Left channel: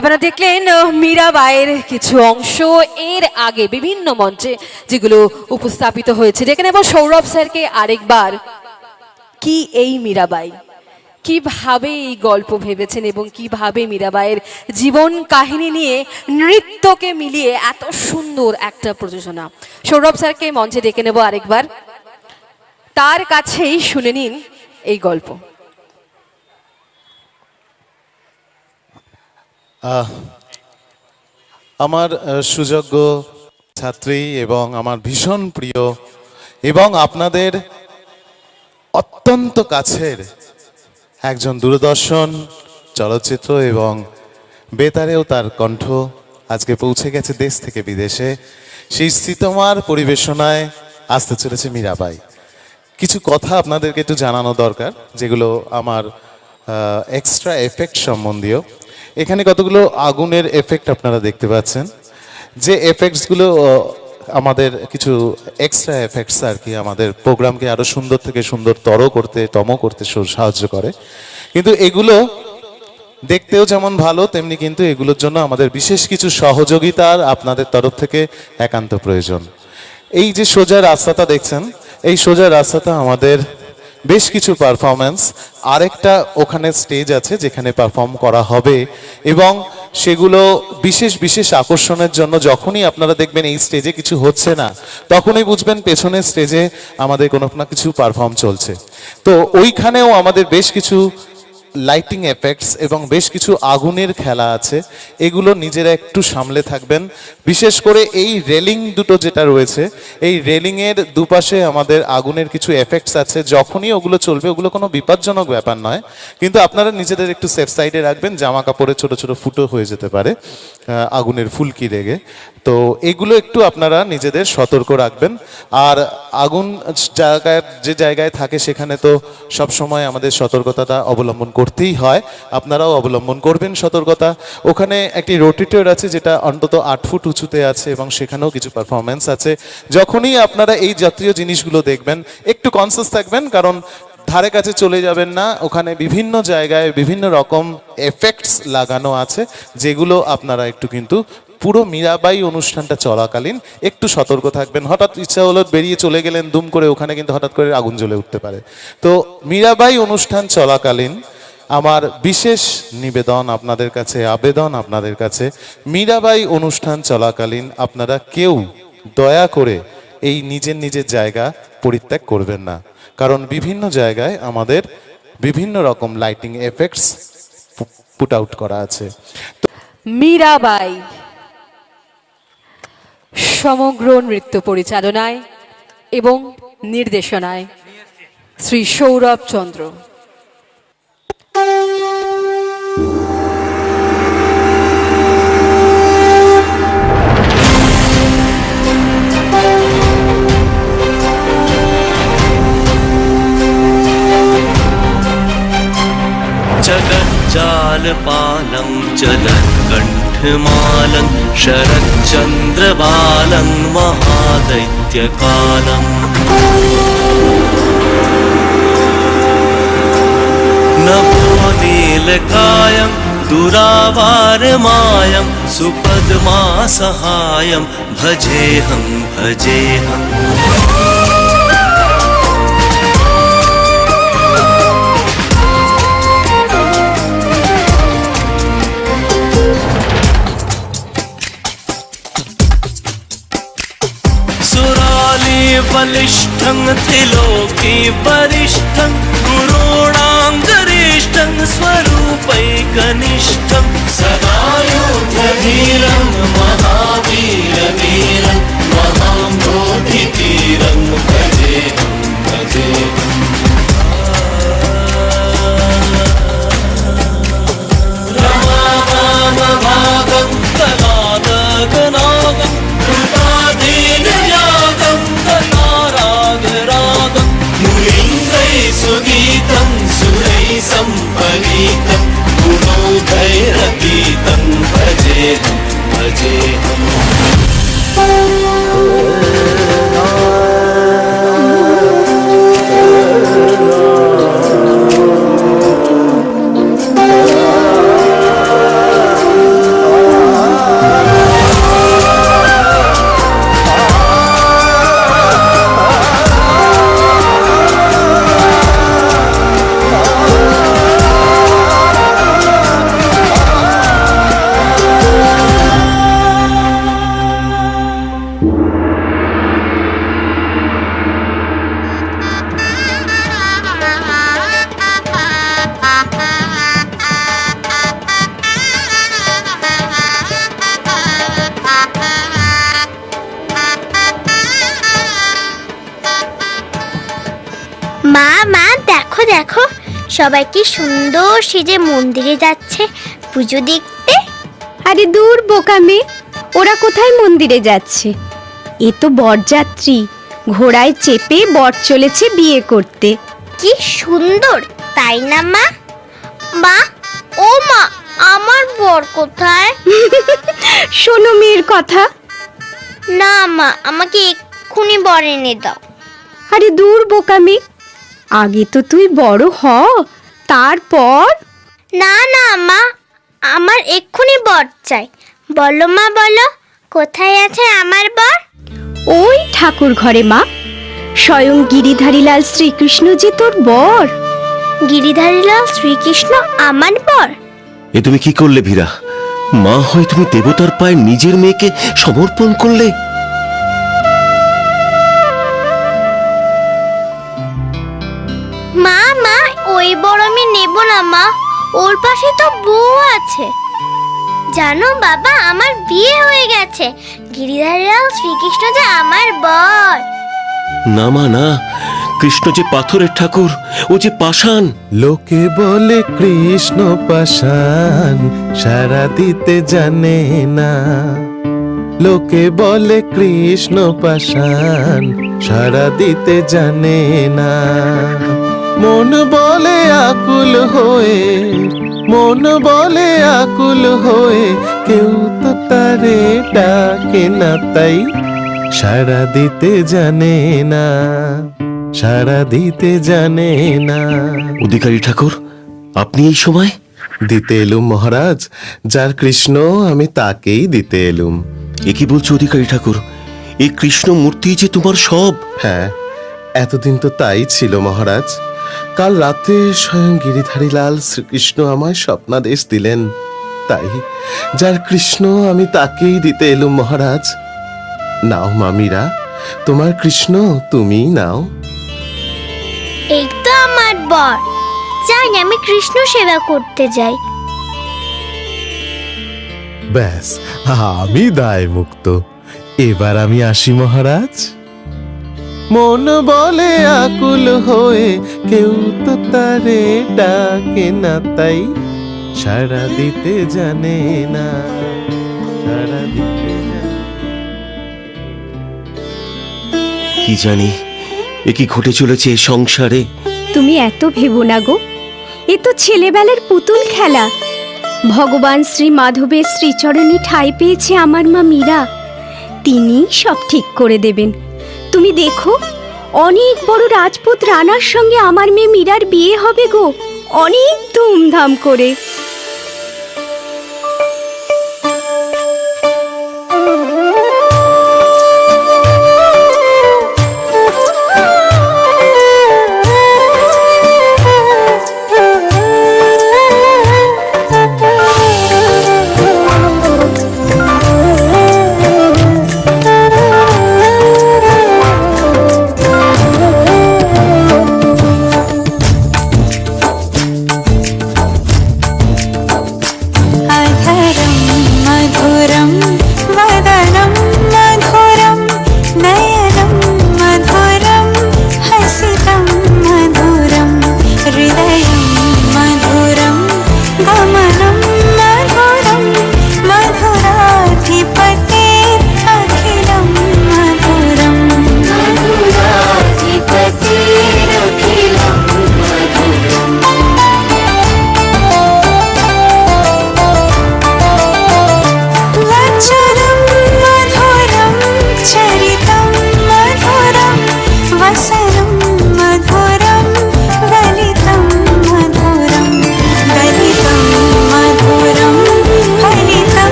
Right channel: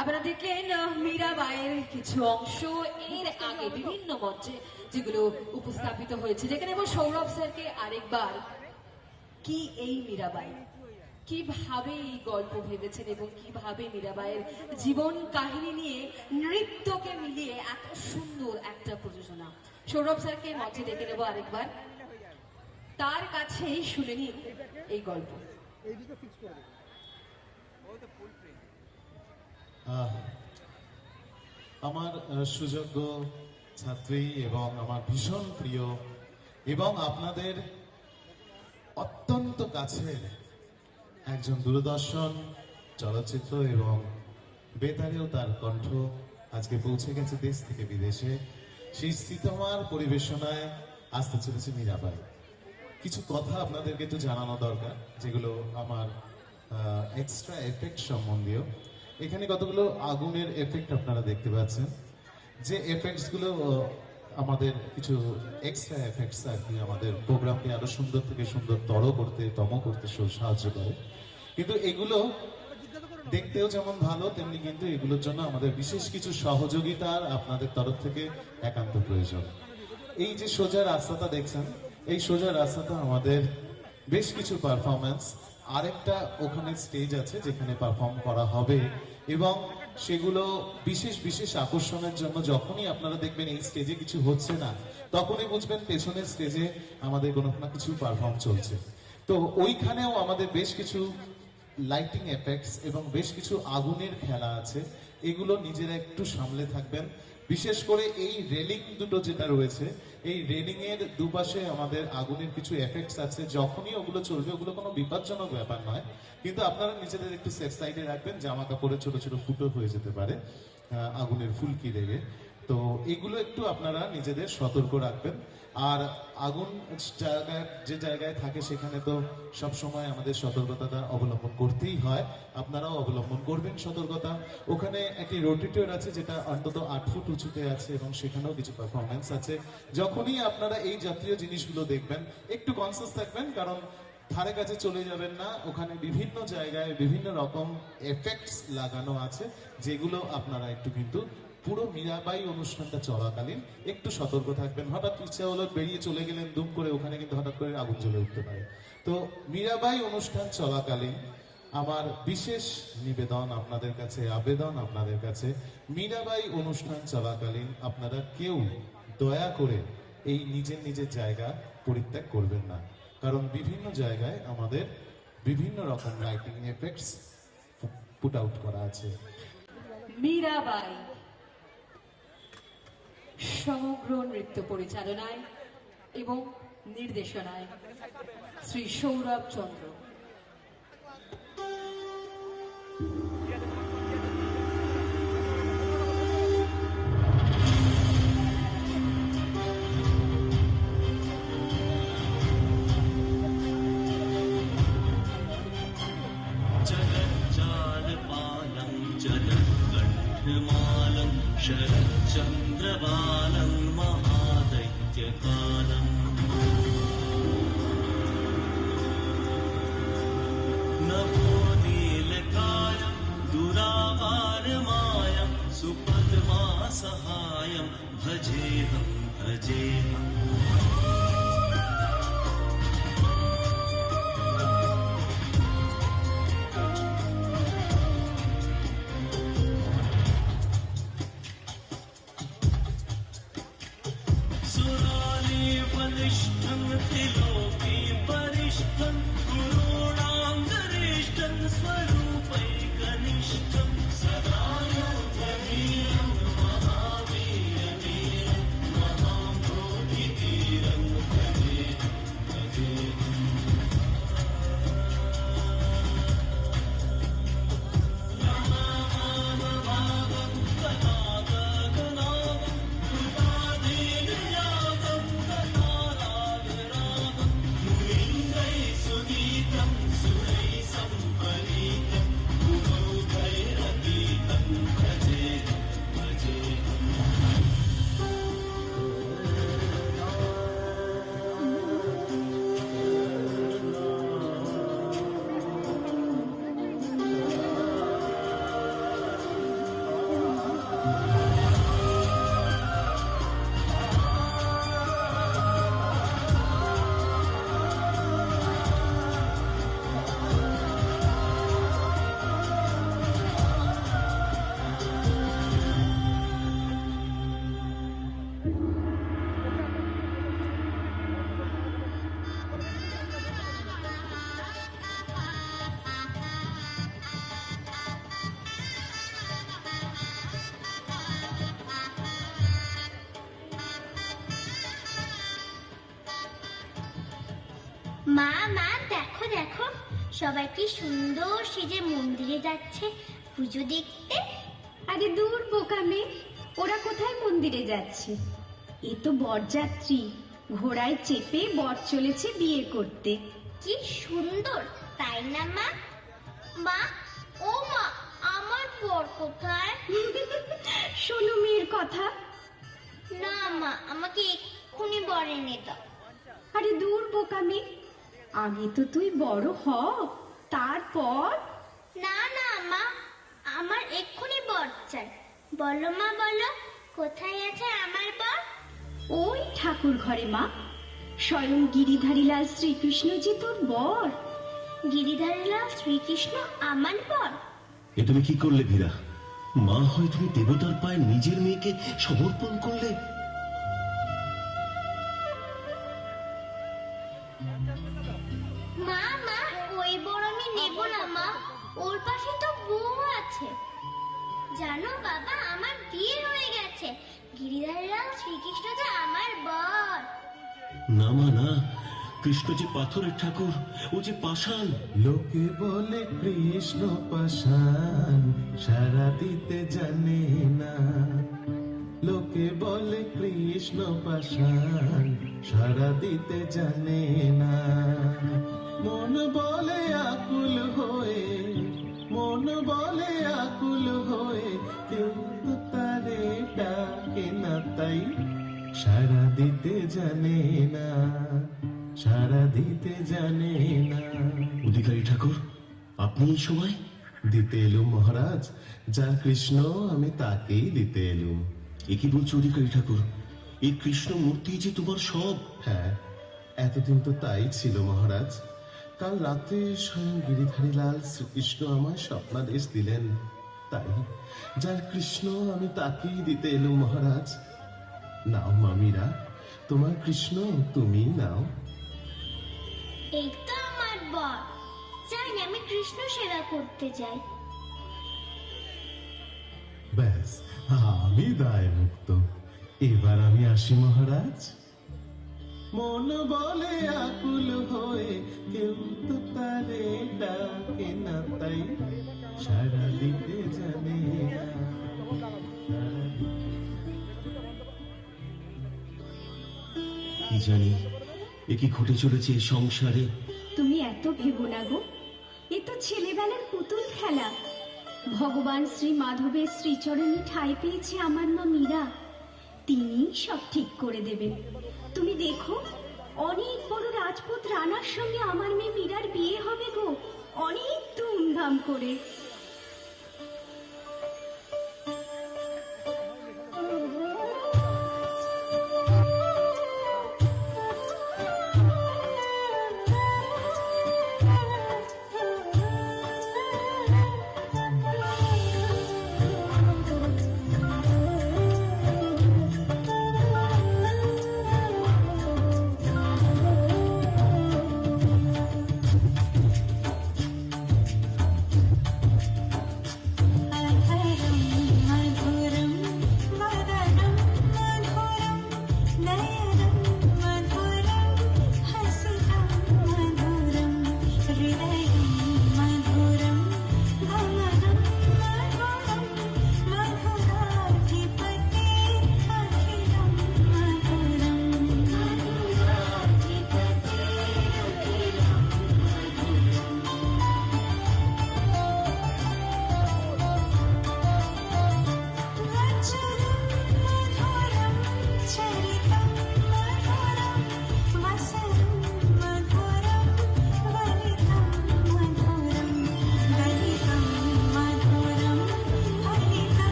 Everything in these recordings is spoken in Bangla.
আপনারা দেখলেন মীরাবাইয়ের কিছু অংশ। এর আগে বিভিন্ন মঞ্চে যেগুলো উপস্থাপিত হয়েছে, যেখানে নেব সৌরভ স্যারকে আরেকবার। কি এই মীরাবাই, কিভাবে এই গল্প ভেবেছেন এবং কিভাবে মীরাবাইয়ের জীবন কাহিনী নিয়ে নৃত্যকে মিলিয়ে এত সুন্দর একটা প্রযোজনা। সৌরভ স্যারকে মঞ্চে ডেকে নেব আরেকবার, তার কাছেই শুনে নিন এই গল্প। আমার সুযোগ্য ছাত্রী এবং আমার ভীষণ প্রিয় এবং আপনাদের অত্যন্ত কাছের একজন দূরদর্শন চলচ্চিত্র এবং বেতারেও তার কণ্ঠ আজকে পৌঁছে গেছে দেশ থেকে বিদেশে। সেই শীতমার পরিবেশনায় আসতে চলেছে মীরাবাই। কিছু কথা আপনাদেরকে একটু জানানো দরকার, যেগুলো আমার এক্সট্রা এফেক্ট সম্বন্ধীয়। এখানে কতগুলো আগুনের এফেক্ট আপনারা দেখতে পাচ্ছেন, যে এফেক্টসগুলো আমাদের কিছু এক্সট্রা এফেক্টস আর কি আমাদের প্রোগ্রামকে আরো সুন্দর থেকে সুন্দরতর করতে সাহায্য করে। কিন্তু এগুলো দেখতেও যেমন ভালো, তেমনি কিন্তু এগুলোর জন্য আমাদের বিশেষ কিছু সহযোগিতার আপনাদের তরফ থেকে একান্ত প্রয়োজন। এই যে সোজা রাস্তাটা দেখছেন, এই সোজা রাস্তাটা আমাদের বেশ কিছু পারফরমেন্স, আরেকটা ওখানে স্টেজ আছে যেখানে পারফর্ম করা হবে, এবং সেগুলো বিশেষ বিশেষ আকর্ষণের জন্য যখনই আপনারা দেখবেন এই স্টেজে কিছু হচ্ছে না, তখনই বুঝবেন পেছনের স্টেজে আমাদের কোনো না কিছু পারফর্ম চলছে। তো ওইখানেও আমাদের বেশ কিছু লাইটিং এফেক্টস এবং বেশ কিছু আগুনের খেলা আছে, এগুলো নিজেরা একটু সামলে থাকবেন। বিশেষ করে এই রেলিং দুটো যেটা রয়েছে, এই রেলিংয়ের দুপাশে আমাদের আগুনের কিছু এফেক্টস আছে, যখনই ওগুলো চলবে ওগুলো কোনো বিপজ্জনক ব্যাপার নয়, কিন্তু আপনারা নিজেদের একটু সেফ সাইডে রাখবেন। জামা কাপড়ে ছোট ছোট ফুটো হয়ে যেতে পারে আগুনের ফুলকি লেগে, তো এগুলো একটু আপনারা নিজেদের সতর্ক রাখবেন। আর আগুন যে জায়গায় থাকে সেখানে তো সবসময় আমাদের সতর্কতাটা অবলম্বন করতেই হয়, আপনারাও অবলম্বন করবেন সতর্কতা। ওখানে একটি রোটেটর আছে যেটা অন্তত 8 ফুট উঁচুতে আছে এবং সেখানেও কিছু পারফরমেন্স আছে। যখনই আপনারা এই জাতীয় জিনিসগুলো দেখবেন একটু কনসিয়াস থাকবেন, কারণ ধারে কাছে চলে যাবেন না। ওখানে বিভিন্ন জায়গায় বিভিন্ন রকম এফেক্টস লাগানো আছে, যেগুলো আপনারা একটু কিন্তু পুরো মীরাবাই অনুষ্ঠানটা চলাকালীন একটু সতর্ক থাকবেন। হঠাৎ ইচ্ছা হলো বেরিয়ে চলে গেলেন দুম করে, ওখানে কিন্তু হঠাৎ করে আগুন জ্বলে উঠতে পারে। তো মীরাবাই অনুষ্ঠান চলাকালীন আমার বিশেষ নিবেদন আপনাদের কাছে, আবেদন আপনাদের কাছে, মীরাবাই অনুষ্ঠান চলাকালীন আপনারা কেউ দয়া করে এই নিজের নিজের জায়গা পরিত্যাগ করবেন না, কারণ বিভিন্ন জায়গায় আমাদের বিভিন্ন রকম লাইটিং এফেক্টস পুট আউট করা আছে। মীরাবাই সমগ্র নৃত্য পরিচালনায় এবং নির্দেশনায় শ্রী সৌরভ চন্দ্র। जगज्जालपालं जलत्कण्ठमालं शरच्चन्द्रबालं महादैत्यकालम् नभोनीलकायं दुरावारमायं सुपद्मासहायं भजेऽहं भजेऽहम्। बलिष्ठं त्रिलोकी वरिष्ठं गुरूणां गरिष्ठं स्वरूपैकनिष्ठं सदा योद्धवीरं महावीरवीरं महाम्भोधितीरं भजेऽहं भजेऽहम्। रमाभागं तदादगनागं कृताधीनयागं सुगीतं सुरैः सम्परीतं गुणोधैरतीतं দেখো সবাই কি সুন্দর সেজে মন্দিরে যাচ্ছে পুজো দেখতে। আরে দূর বোকা মেয়ে, ওরা কোথায় মন্দিরে যাচ্ছে? এ তো বরযাত্রী, ঘোড়ায় চেপে বর চলেছে বিয়ে করতে। কি সুন্দর তাই না মা? মা, ও মা, আমার বর কোথায়? শোনো মেয়ের কথা। না মা, আমাকে এক্ষুনি বর এনে দাও। আরে দূর বোকা মেয়ে, আগে তো তুই বড় হ, তারপর। না না মা, আমার এক্ষুনি বর চাই। বলো মা, বলো কোথায় আছে আমার বর? ওই ঠাকুর ঘরে মা, স্বয়ং গিরিধারীলাল শ্রীকৃষ্ণ যে তোর বর। গিরিধারীলাল শ্রীকৃষ্ণ আমার বর? এ তুমি কি করলে ভীরা? মা হয়ে তুমি দেবতার পায়ে নিজের মেয়েকে সমর্পণ করলে। মা মা, ওই বর আমি নেব না মা, ওর পাশে তো বউ আছে। জানো বাবা, আমার বিয়ে হয়ে গেছে। গিরিধারীলাল শ্রীকৃষ্ণ যে আমার বর। না মা না, কৃষ্ণ যে পাথরের ঠাকুর, ও যে পাষাণ। লোকে বলে কৃষ্ণ পাষাণ, সারা দিতে জানে না। লোকে বলে কৃষ্ণ পাষাণ, সারা দিতে জানে না। মন বলে আকুল হয়ে, মন বলে আকুল হয়ে, কেউ তো তারে ডাকে না, তাই সারা দিতে জানে না, সারা দিতে জানে না। অধিকারী ঠাকুর, আপনি এই সময়? দিতে এলুম মহারাজ, যার কৃষ্ণ আমি তাকেই দিতে এলুম। এ কি বলছো অধিকারী ঠাকুর? এই কৃষ্ণ মূর্তি যে তোমার সব। হ্যাঁ, এতদিন তো তাই ছিল মহারাজ। কাল রাতে স্বয়ং গিরিধারীলাল শ্রীকৃষ্ণ আমায় স্বপ্নাদেশ দিলেন, তাই যার কৃষ্ণ আমি তাকেই দিতে এলুম মহারাজ। নাও মামিরা, তোমার কৃষ্ণ তুমিই নাও। এই তো আমার বর, চাই আমি কৃষ্ণ সেবা করতে যাই। ব্যাস, আমি দায় মুক্ত। এবার আমি আসি মহারাজ। মন বলে আকুল হয়ে, কেউ তো তারে ডাকে না, তাই সারা দিতে জানে না, সারা দিতে জানে। কি জানি এ কি ঘটে চলেছে এ সংসারে। তুমি এত ভেবো না গো, এ তো ছেলেবেলার পুতুল খেলা। ভগবান শ্রী মাধবের শ্রীচরণে ঠাঁই পেয়েছে আমার মা মীরা, তিনি সব ঠিক করে দেবেন। তুমি দেখো, অনেক বড় রাজপুত রানার সঙ্গে আমার মেয়ে মীরার বিয়ে হবে গো, অনেক ধুমধাম করে।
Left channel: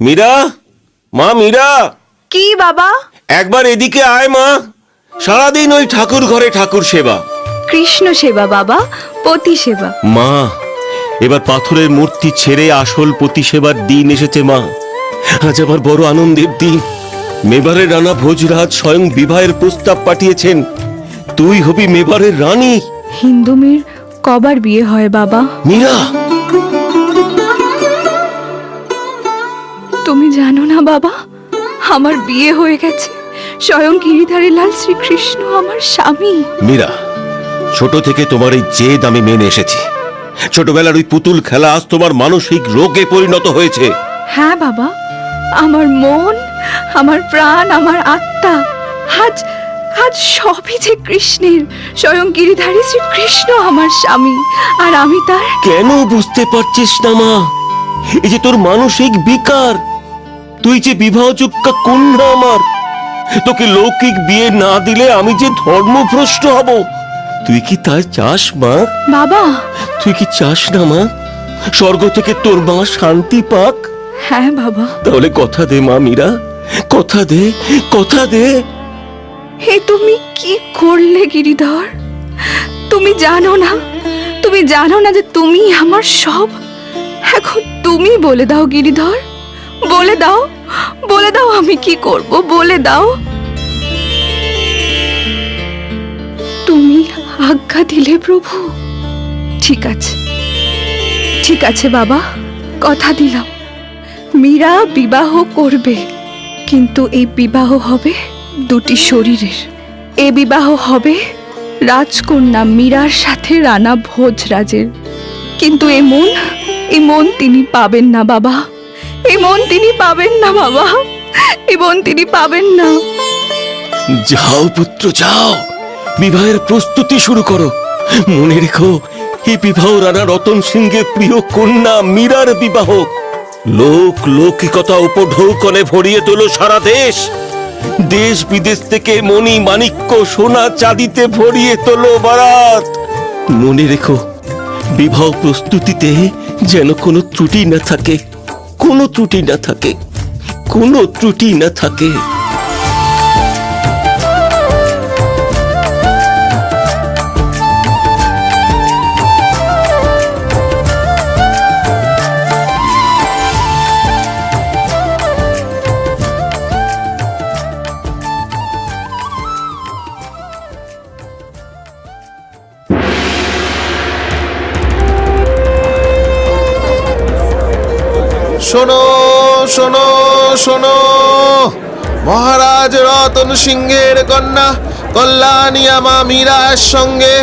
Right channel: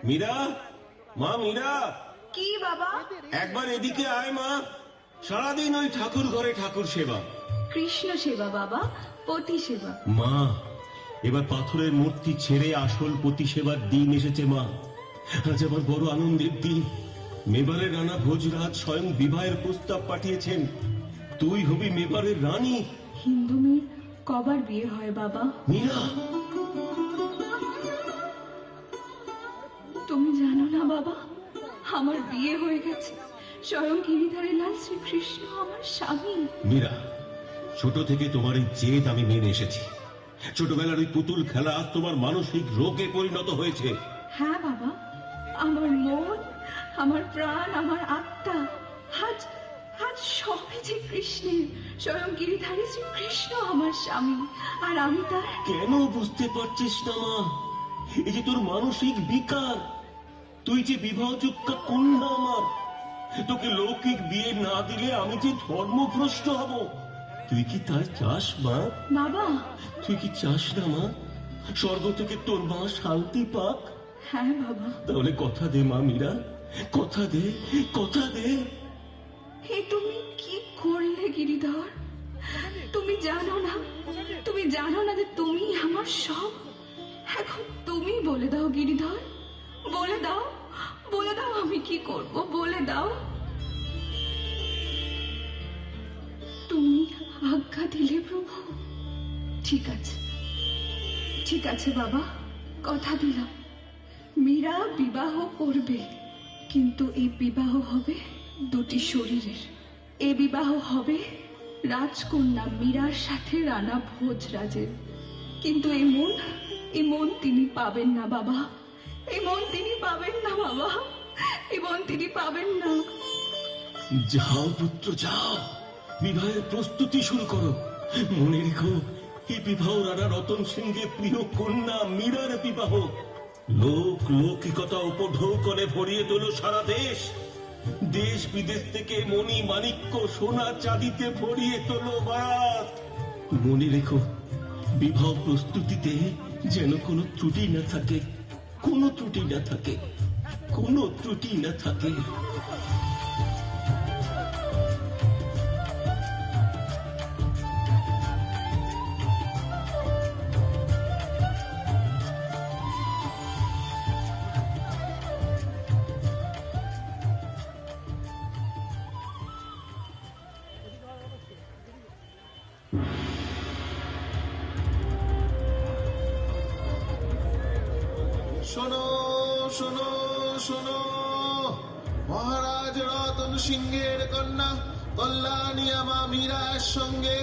মীরা, মা মীরা। কি বাবা? একবার এদিকে আয় মা। সারাদিন ওই ঠাকুর ঘরে ঠাকুর সেবা। কৃষ্ণ সেবা বাবা, পতি সেবা। মা, এবার পাথরের মূর্তি ছেড়ে আসল পতি সেবার দিন এসেছে মা। আজ আমার বড় আনন্দের দিন। মেবারের রানা ভোজরাজ স্বয়ং বিবাহের প্রস্তাব পাঠিয়েছেন। তুই হবি মেবারের রানী। হিন্দু মেয়ের কবার বিয়ে হয় বাবা? মীরা, তুমি জানো না বাবা, আমার বিয়ে হয়ে গেছে। স্বয়ং গিরিধারী লাল শ্রীকৃষ্ণ আমার স্বামী। মীরা, ছোট থেকে তোমার এই জেদ আমি মেনে এসেছি। ছোটবেলার ওই পুতুল খেলা আজ তোমার মানসিক রোগে পরিণত হয়েছে। হ্যাঁ বাবা, আমার মন, আমার প্রাণ, আমার আত্মা আজ আজ সবই যে কৃষ্ণের। স্বয়ং গিরিধারী শ্রীকৃষ্ণ আমার স্বামী, আর আমি তার। কেন বুঝতে পারছিস না মা? এই যে তোর মানসিক বিকার, তুই যে বিবাহযোগ্য কন্যা আমার, তোকে লৌকিক বিয়ে না দিলে আমি যে ধর্মভ্রষ্ট হব, তুই কি তাই চাস মা? বাবা, তুই কি চাস না মা স্বর্গ থেকে তোর মা শান্তি পাক? হ্যাঁ বাবা। তাহলে কথা দে মা মীরা, কথা দে, কথা দে। হে তুমি কি করলে গিরিধর? তুমি জানো না, তুমি জানো না যে তুমি আমার সব। এখন তুমি বলে দাও গিরিধর, বলে দাও, বলে দাও আমি কি করব, বলে দাও। তুমি আজ্ঞা দিলে প্রভু। ঠিক আছে, ঠিক আছে বাবা, কথা দিলাম। মীরা বিবাহ করবে, কিন্তু এই বিবাহ হবে দুটি শরীরের। এ বিবাহ হবে রাজকন্যা মীরার সাথে রানা ভোজরাজের। কিন্তু এ মন তিনি পাবেন না বাবা, এ মন তিনি পাবেন না বাবা, এ মন তিনি পাবেন না। যাও পুত্র যাও, বিবাহের প্রস্তুতি শুরু করো। মনে রেখো, এই বিবাহ রানা রতন সিংহের প্রিয় কন্যা মীরার বিবাহ। লোক লৌকিকতা উপঢৌকনে ভরিয়ে তোলো সারা দেশ। দেশ বিদেশ থেকে মণি মাণিক্য সোনা চাঁদিতে ভরিয়ে তোলো বারাত। মনে রেখো, বিবাহ প্রস্তুতিতে যেন কোনো ত্রুটি না থাকে, কোনো ত্রুটি না থাকে, কোনো ত্রুটি না থাকে। শোনো শোনো শোনো, মহারাজ রতন সিংহের কন্যা কল্যাণী মা মীরার সঙ্গে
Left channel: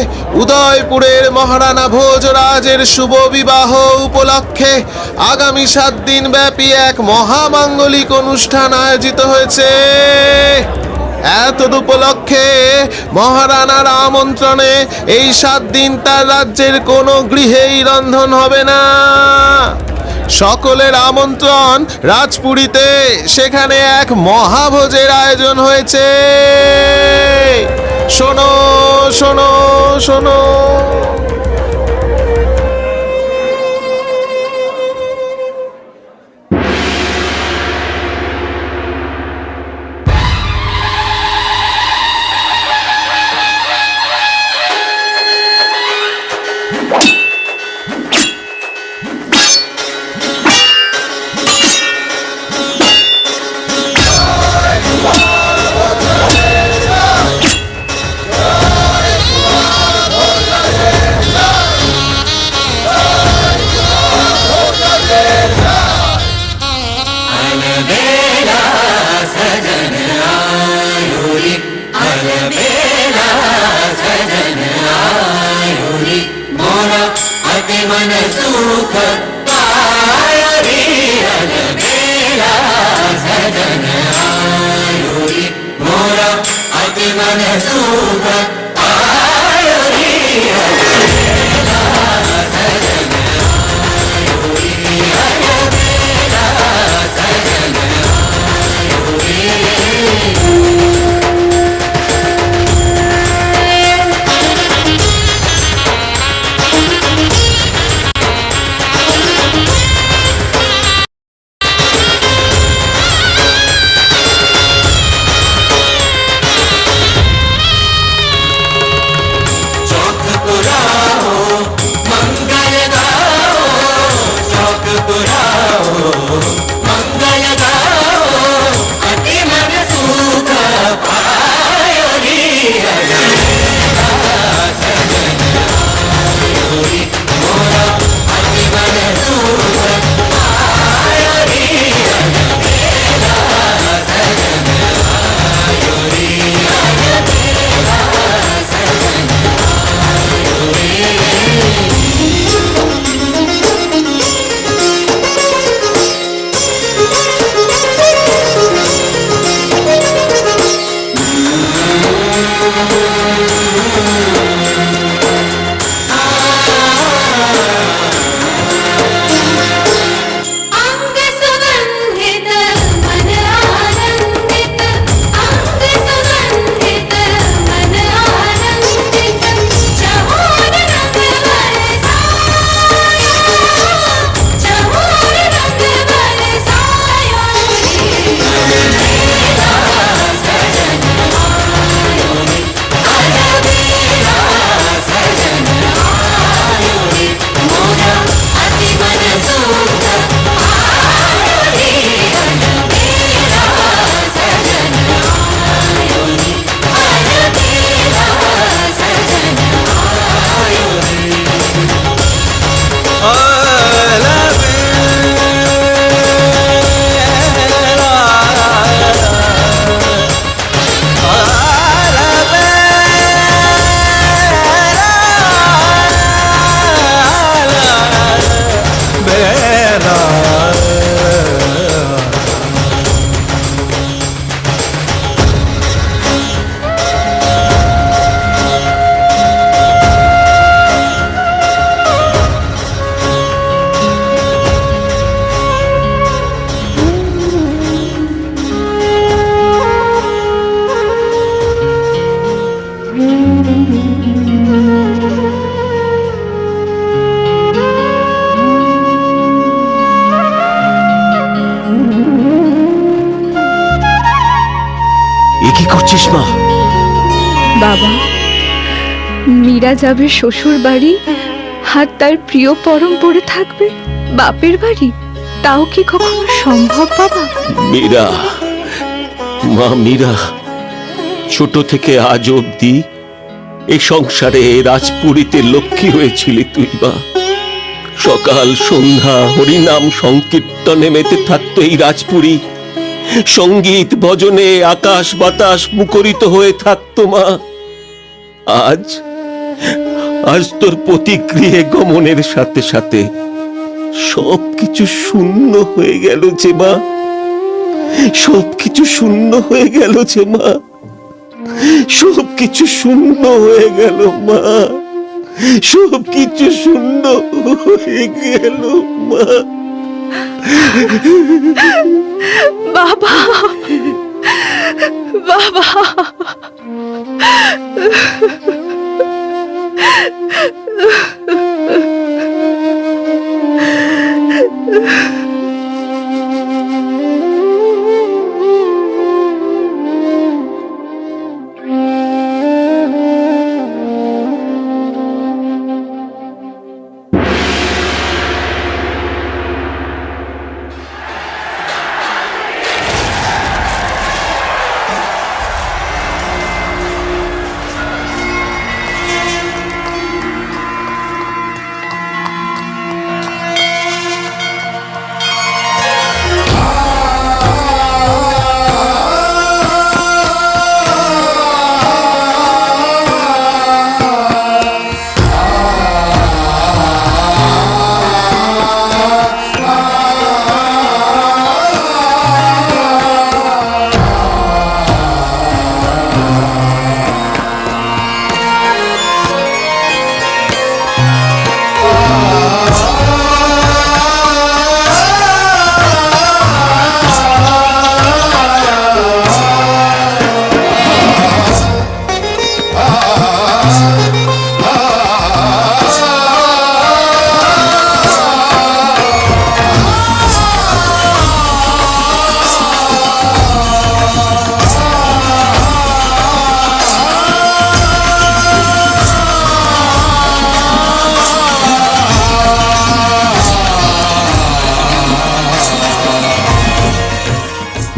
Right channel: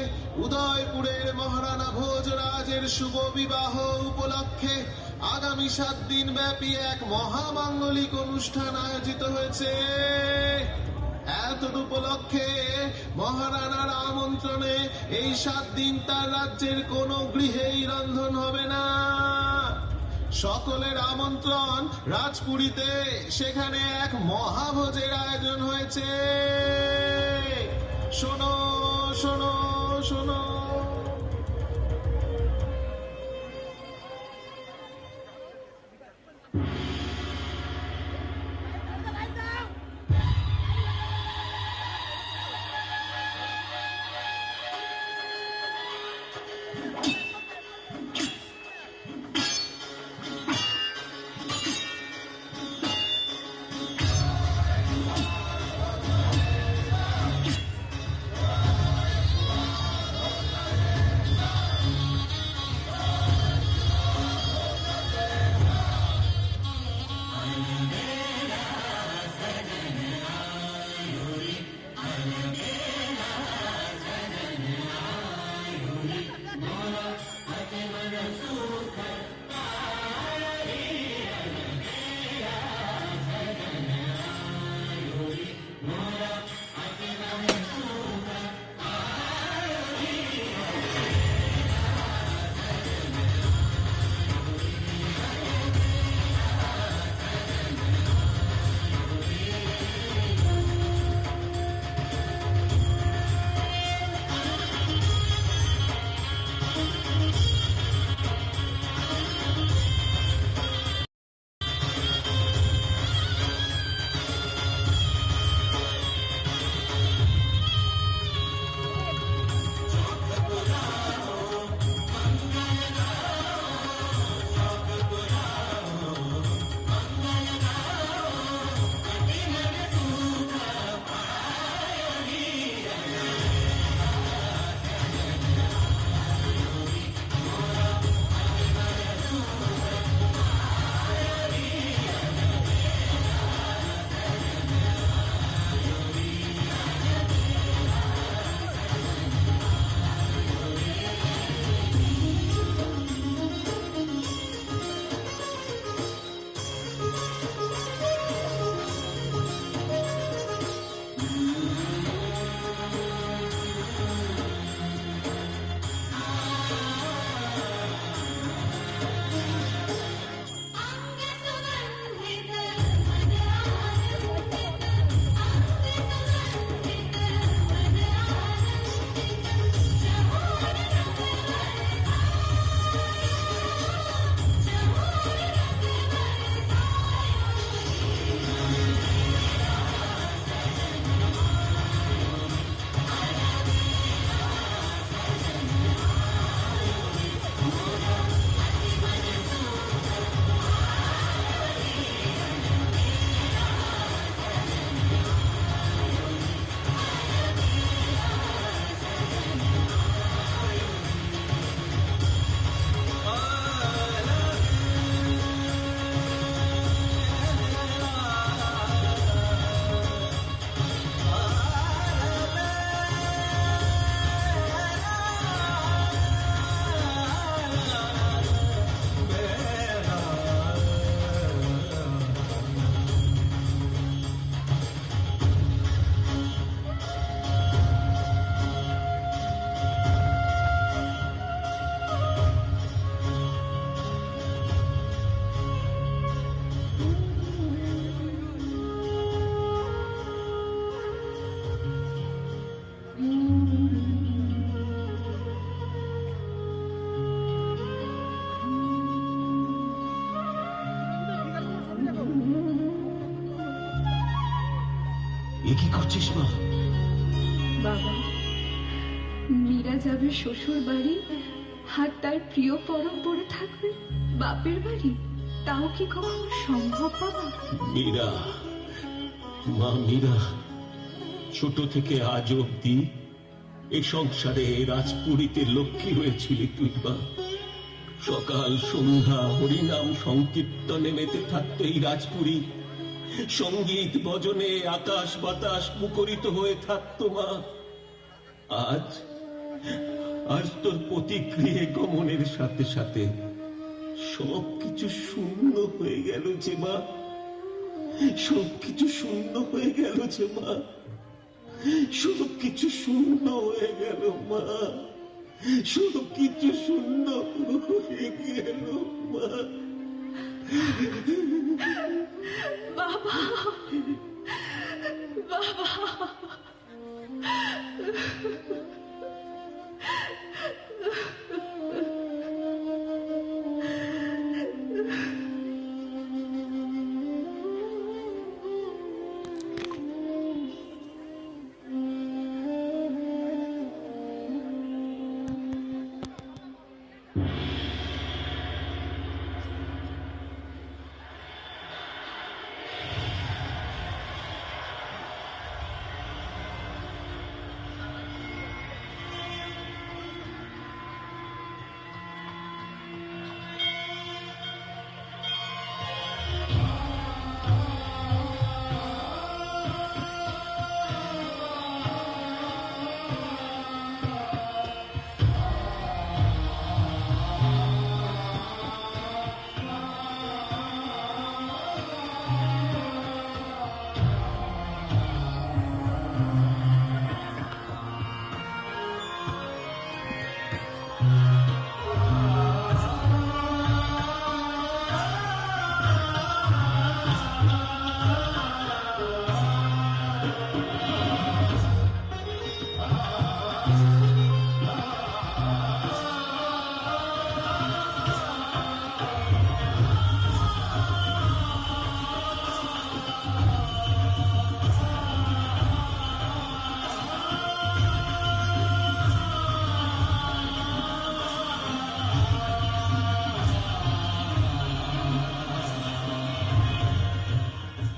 উদয়পুরের মহারানা ভোজরাজের শুভ বিবাহ উপলক্ষে আগামী 7 দিন ব্যাপী এক মহামাঙ্গলিক অনুষ্ঠান আয়োজিত হয়েছে। এতদ উপলক্ষে মহারানার আমন্ত্রণে এই 7 দিন তার রাজ্যের কোনো গৃহেই রন্ধন হবে না। সকলের আমন্ত্রণ রাজপুরীতে, সেখানে এক মহাভোজের আয়োজন হয়েছে। শোনো শোনো শোনো। বাবা, মীরা যাবে শ্বশুর বাড়ি, আর তার প্রিয় পরম পড়ে থাকবে বাপের বাড়ি? তাও কি কখনো সম্ভব বাবা? মীরা, মা মীরা, ছোট থেকে আজ অব্দি এই সংসারে রাজপুরীতে লক্ষ্মী হয়েছিলি তুই মা। সকাল সন্ধ্যা হরিনাম সংকীর্তনে মেতে থাকতো এই রাজপুরী, সঙ্গীত ভজনে আকাশ বাতাস মুখরিত হয়ে থাকতো মা। আজ আজ তোর প্রতিক্রিয়ে গমনের সাথে সাথে সবকিছু শূন্য হয়ে গেল যে মা, সবকিছু শূন্য হয়ে গেল যে মা, সবকিছু শূন্য হয়ে গেল মা, সবকিছু শূন্য হয়ে গেল মা। বাবা, বাবা,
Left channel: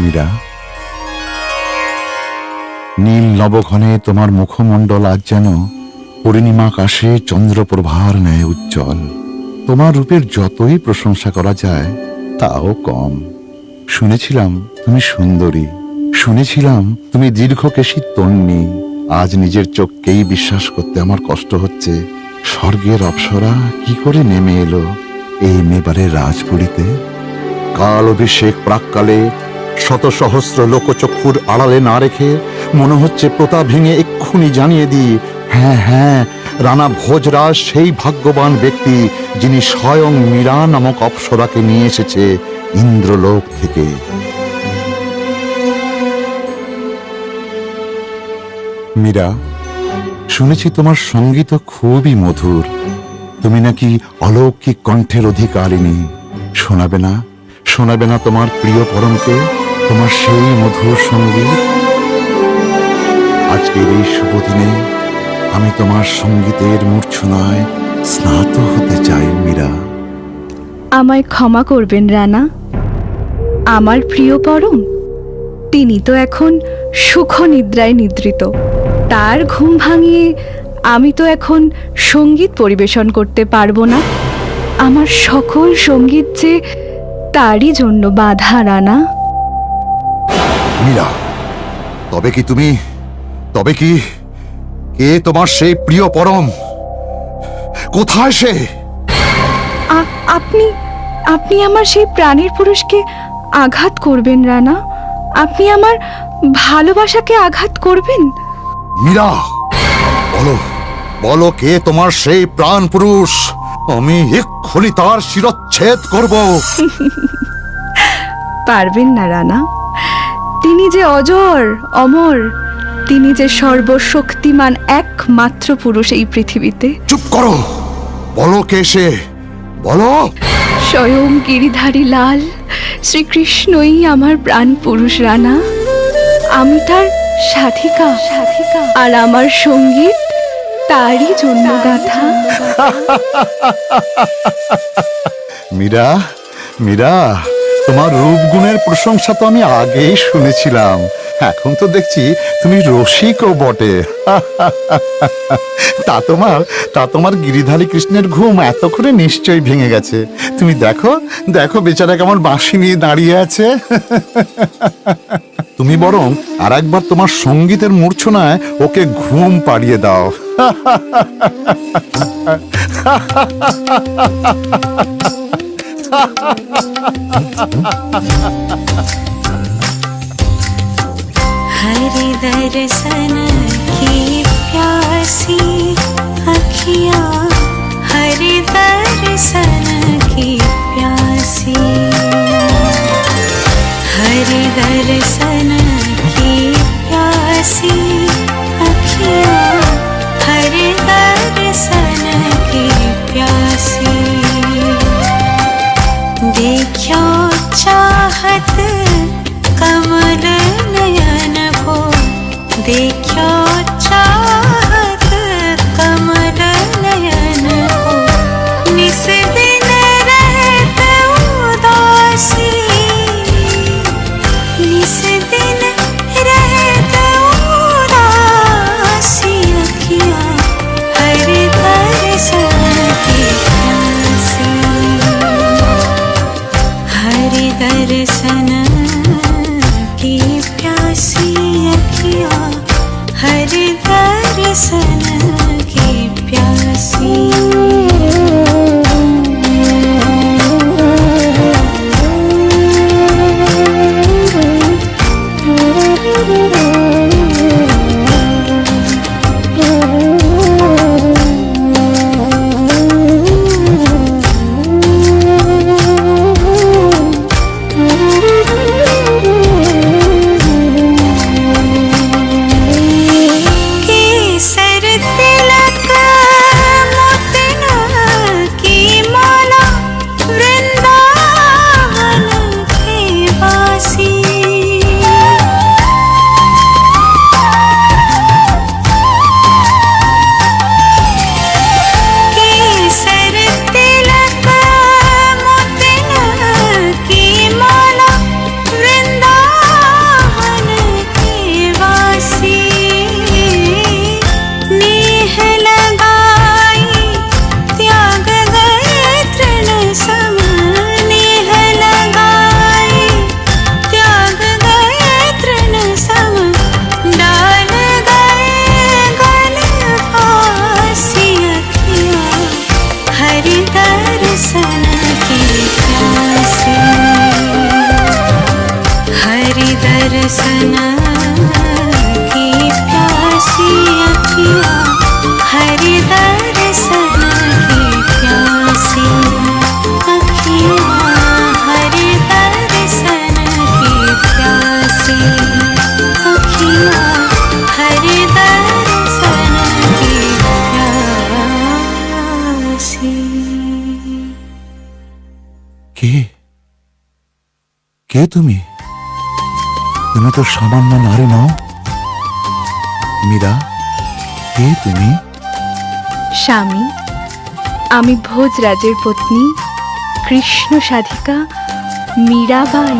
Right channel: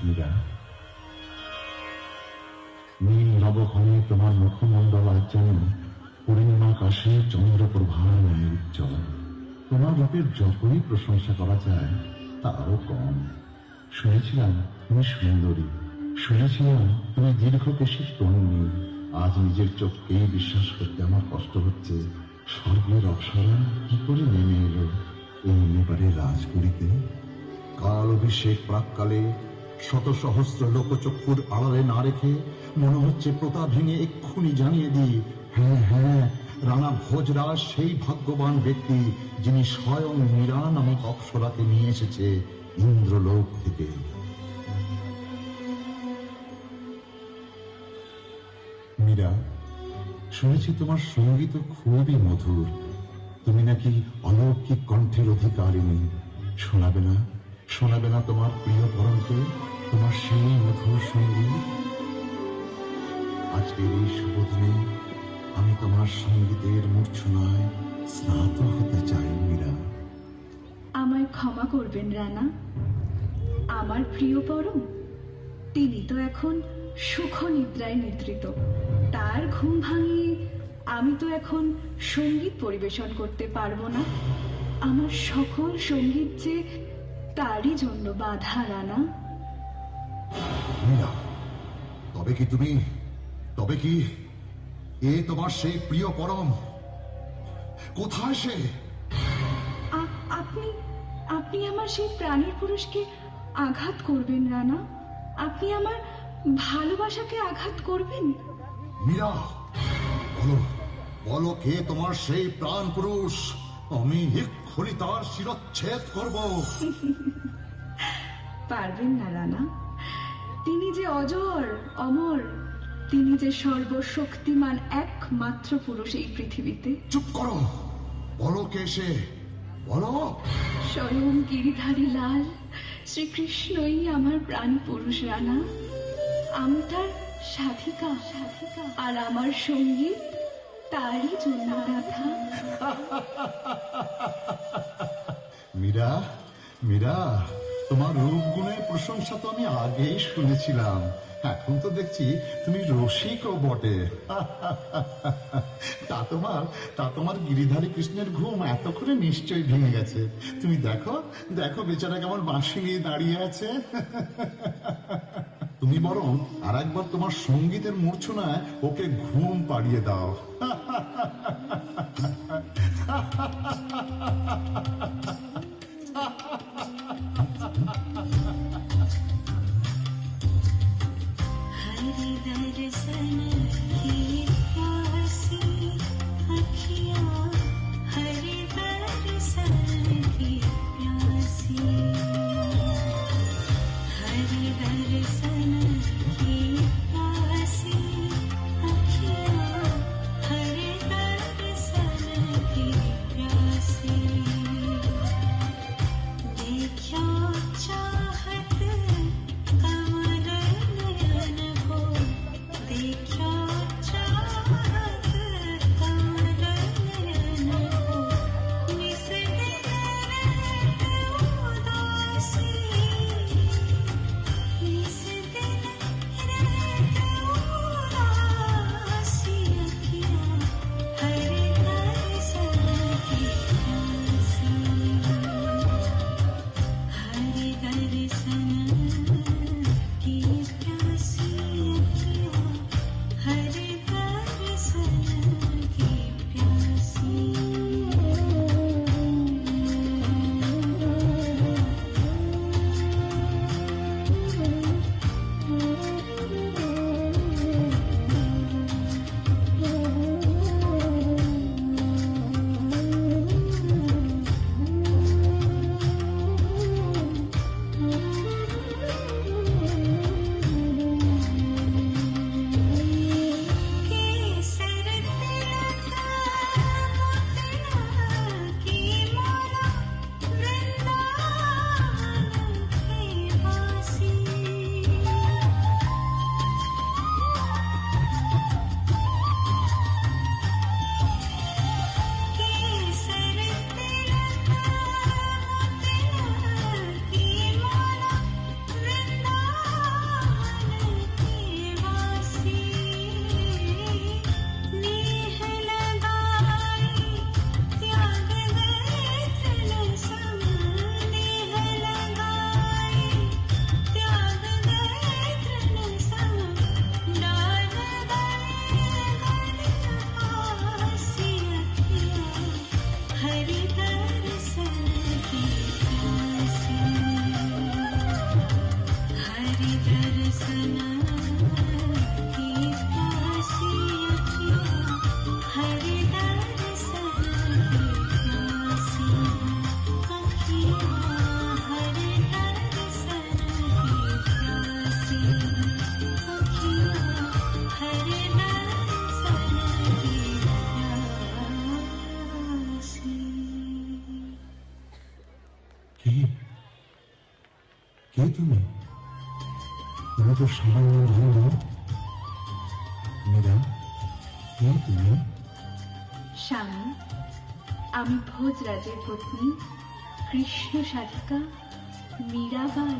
মীরা, নীল নবঘনে তোমার মুখমণ্ডল আজ যেন পূর্ণিমা আকাশে চন্দ্রপ্রভার ন্যায় উজ্জ্বল। তোমার রূপের যতই প্রশংসা করা যায় তাও কম। শুনেছিলাম তুমি সুন্দরী, শুনেছিলাম তুমি দীর্ঘকেশী তন্বী। আজ নিজের চোখকেই বিশ্বাস করতে আমার কষ্ট হচ্ছে। স্বর্গের অপ্সরা কি করে নেমে এলো এই মেবারের রাজপুরীতে? কাল অভিষেক প্রাককালে শত সহস্র লোকচক্ষুর আড়ালে না রেখে মনে হচ্ছে প্রতা ভেঙে এক্ষুনি জানিয়ে দিই, হ্যাঁ হ্যাঁ, রানা ভোজরাজ সেই ভাগ্যবান ব্যক্তি যিনি স্বয়ং মীরা নামক অপ্সরাকে নিয়ে এসেছে ইন্দ্রলোক থেকে। মীরা, শুনেছি তোমার সঙ্গীত খুবই মধুর। তুমি নাকি অলৌকিক কণ্ঠের অধিকারিণী। শোনাবে না, শোনাবে না তোমার প্রিয় পরমকে তোমার সেই মধুর সঙ্গীত? আজকের এই শুভ দিনে আমি তোমার সঙ্গীতের মূর্ছনায় স্নাত হতে চাই মীরা। আমায় ক্ষমা করবেন রানা। আমার প্রিয় পরম, তিনি তো এখন সুখ নিদ্রায় নিদ্রিত। তার ঘুম ভাঙিয়ে আমি তো এখন সঙ্গীত পরিবেশন করতে পারবো না। আমার সকল সঙ্গীত যে তারই জন্য বাধা রানা। মীরা, তবে কি কে তোমার সেই প্রিয় পরম? কোথায় সে? আপনি আমার সেই প্রাণের পুরুষকে আঘাত করবেন রানা। আপনি আমার ভালোবাসাকে আঘাত করবেন। মীরা, বলো কে তোমার সেই প্রাণ পুরুষ? আমি এক্ষুনি তার শিরচ্ছেদ করব। পারবেন না রানা। তিনি যে অজর অমর, তিনি যে সর্বশক্তিমান একমাত্র পুরুষ এই পৃথিবীতে। চুপ করো, বলো কে সে, বলো। স্বয়ং গিরিধারী লাল শ্রীকৃষ্ণই আমার প্রাণ পুরুষ রানা। আমি তার সাধিকা সাধিকা, আর আমার সঙ্গীত তারই জন্য গাথা। মীরা, মীরা, তোমার রূপগুণের প্রশংসা তো আমি আগেই শুনেছিলাম, এখন তো দেখছি তুমি রসিকও বটে। তা তোমার গিরিধারী কৃষ্ণের ঘুম এতক্ষণে নিশ্চয়ই ভেঙে গেছে। তুমি দেখো দেখো বেচারা কেমন বাঁশি নিয়ে দাঁড়িয়ে আছে। তুমি বরং আর একবার তোমার সঙ্গীতের মূর্ছনায় ওকে ঘুম পাড়িয়ে দাও। हरि दर्शन की प्यासी अखियाँ, हरि दर्शन की प्यासी, हरि दर्शन की प्यासी अखियाँ, हरि दर्शन की प्यासी। देखो चाहत कमल नयन को, देखो चाहत कमल नयन को, निस दिन रहत उदासी, निस दिन रहत उदासी अखियाँ, हरि दर्शन की प्यासी, हरि दर्शन की प्यासी अखियाँ, हरि दर्शन की प्यासी। केसर तिलक मोतिन की माला, वृंदावन के वासी, केसर तिलक मोतिन की माला, वृंदावन के वासी, नेह लगाई त्याग गए तृण सम, नेह लगाई त्याग गए तृण सम, डाल गए गल फांसी अखियाँ, हरि दर्शन की प्यासी, हरि दर्शन की प्यासी अखियाँ, हरि दर्शन की प्यासी अखियाँ, हरि दर्शन की प्यासी अखियाँ, हरि दर्शन की प्यासी। কে কে তুমি? তুমি তো সামান্য নারী নও। মীরা, কে তুমি? স্বামী, আমি ভোজরাজের পত্নী কৃষ্ণ সাধিকা মীরাবাই।